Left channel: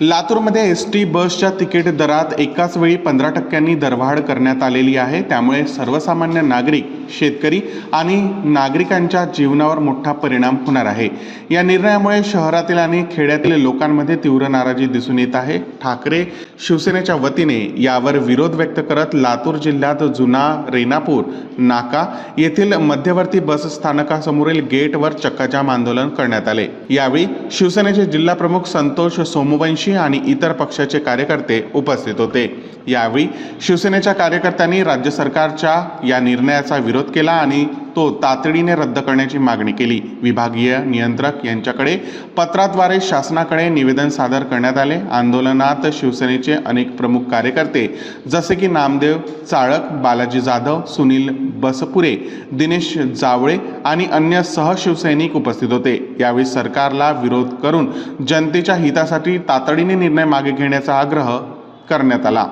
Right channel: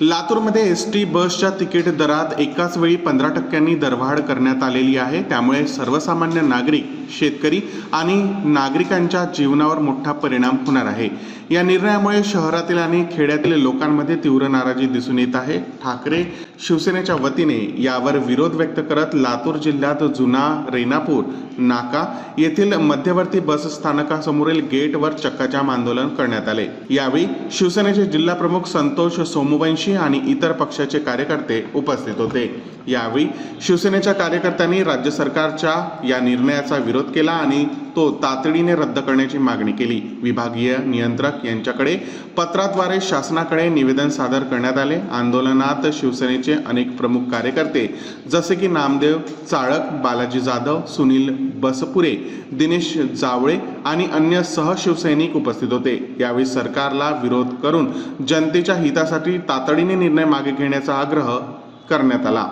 लातूरमध्ये S T बसच्या ticket दरात एकाच वेळी पंधरा टक्क्यांनी दरवाढ करण्यात आलेली आहे. त्यामुळे सर्वसामान्य नागरिक शेतकरी आणि नागरिकांच्या जीवनावर मोठा परिणाम होणार आहे. या निर्णयामुळे शहरातील आणि खेड्यातील लोकांमध्ये तीव्र नाराजी दिसून येत आहे. ठाकरे शिवसेनेच्या वतीने यावर विरोध व्यक्त करत लातूर जिल्ह्यात जुना रेनापूर नाका येथील मध्यवर्ती बस स्थानकासमोरील गेटवर चक्काजाम आंदोलन करण्यात आले. यावेळी शिवसेनेचे जिल्हा प्रमुख संतोष सोमवंशी आणि इतर पक्षाचे कार्यकर्ते उपस्थित होते. यावेळी शिवसेनेच्या कार्यकर्त्यांनी राज्य सरकारच्या या निर्णयाचा विरोध केला आणि तो तातडीने रद्द करण्याची मागणी केली. विभागीय नियंत्रक यांच्याकडे पत्राद्वारे शासनाकडे निवेदन सादर करण्यात आले. आंदोलनात शिवसेनेचे अनेक प्रमुख कार्यकर्ते जसे की नामदेव चाळक बालाजी जाधव सुनील बसपुरे दिनेश जावळे आणि अन्य सहशिवसैनिक उपस्थित होते. यावेळी सरकारला विरोध करून जनतेच्या हितासाठी तातडीने निर्णय मागे घेण्याचा आग्रह करण्यात आला.